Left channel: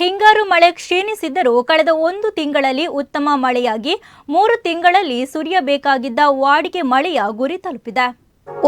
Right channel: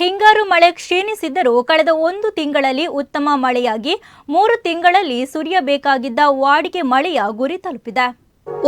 ಹಿಂಗಾರು ಮಳೆ ಕ್ಷೀಣಿಸಿದ್ದರೂ ಕಳೆದ 1 ತಿಂಗಳಲ್ಲಿ ಉತ್ತಮ ಮಳೆಯಾಗಿ 3 ತಿಂಗಳಲ್ಲಿ ಸುರಿಯಬೇಕಾಗಿದ್ದ ವಾಡಿಕೆ ಮಳೆಯ ಗುರಿ ತಲುಪಿದೆ.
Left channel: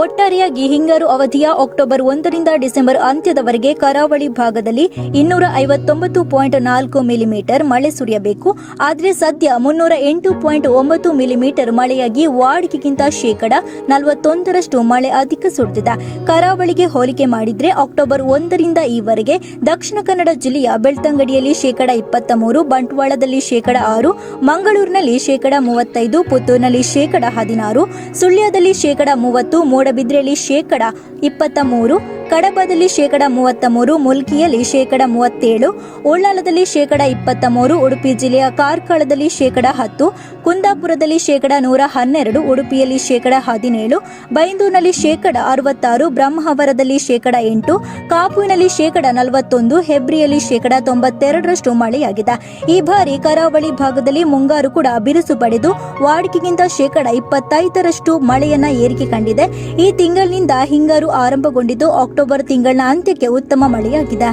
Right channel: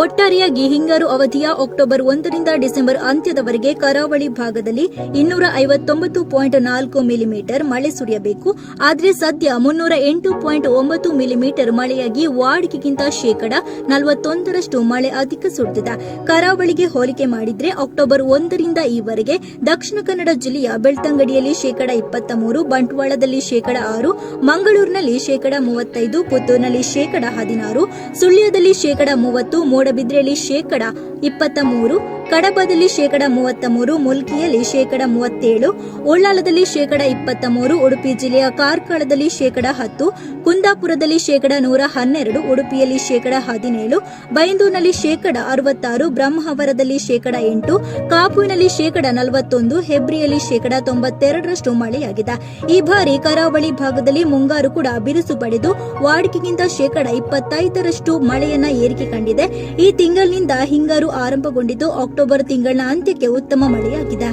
ಒಟ್ಟಾರೆಯಾಗಿ ಹಿಂಗಾರು ಅವಧಿಯ ಅಕ್ಟೋಬರ್ 1 ರಿಂದ ಡಿಸೆಂಬರ್ ಅಂತ್ಯದವರೆಗೆ ಕರಾವಳಿ ಭಾಗದಲ್ಲಿ 250.4 ಮಿಲಿಮೀಟರ್ ಮಳೆ ಸುರಿಯಬೇಕು. ಆದರೆ ಸದ್ಯ 308.9 ಮಿಲಿಮೀಟರ್ ಮಳೆಯಾಗಿ ವಾಡಿಕೆಗಿಂತ ಶೇಕಡ 41ರಷ್ಟು ಮಳೆ ಅಧಿಕ ಸುರಿದಿದೆ. ಕರಾವಳಿಗೆ ಹೋಲಿಕೆ ಮಾಡಿದ್ರೆ ಅಕ್ಟೋಬರ್ 1 ರಿಂದ ಈವರೆಗೆ ದಕ್ಷಿಣ ಕನ್ನಡ ಜಿಲ್ಲೆಯ ಬೆಳ್ತಂಗಡಿಯಲ್ಲಿ ಶೇಕಡ 23, ಬಂಟ್ವಾಳದಲ್ಲಿ ಶೇಕಡ 6, ಮಂಗಳೂರಿನಲ್ಲಿ ಶೇಕಡ 35, ಪುತ್ತೂರಿನಲ್ಲಿ ಶೇಕಡ 16, ಸುಳ್ಯದಲ್ಲಿ ಶೇಕಡ 30, ಮೂಡಬಿದ್ರೆಯಲ್ಲಿ ಶೇಕಡ 23, ಕಡಬದಲ್ಲಿ ಶೇಕಡ 33, ಮುಲ್ಕಿಯಲ್ಲಿ ಶೇಕಡ 37, ಉಳ್ಳಾಲದಲ್ಲಿ ಶೇಕಡ 23, ಉಡುಪಿ ಜಿಲ್ಲೆಯ ಕಾರ್ಕಳದಲ್ಲಿ ಶೇಕಡ 10, ಕುಂದಾಪುರದಲ್ಲಿ ಶೇಕಡ 112, ಉಡುಪಿಯಲ್ಲಿ ಶೇಕಡ 17, ಬೈಂದೂರಿನಲ್ಲಿ ಶೇಕಡ 66, ಬ್ರಹ್ಮಾವರದಲ್ಲಿ ಶೇಕಡ 8, ಕಾಪುವಿನಲ್ಲಿ ಶೇಕಡ 41, ಹೆಬ್ರಿಯಲ್ಲಿ ಶೇಕಡ 92ರಷ್ಟು ಮಳೆಯಾಗಿದೆ. ಈ ಬಾರಿ ಕರಾವಳಿ ಭಾಗದಲ್ಲಿ ಮುಂಗಾರು ಕೂಡ ಬಿರುಸು ಪಡೆದು ವಾಡಿಕೆಗಿಂತ ಶೇಕಡ 25ರಷ್ಟು ಮಳೆಯನ್ನ ಏರಿಕೆ ಕಂಡಿದೆ. ಈ ತಿಂಗಳಿನಿಂದ ಹಿಂಗಾರು ಆರಂಭಗೊಂಡಿದ್ದು ಅಕ್ಟೋಬರ್ ತಿಂಗಳ ಅಂತ್ಯಕ್ಕೆ ಉತ್ತಮ ಮಳೆಯಾಗಿದೆ.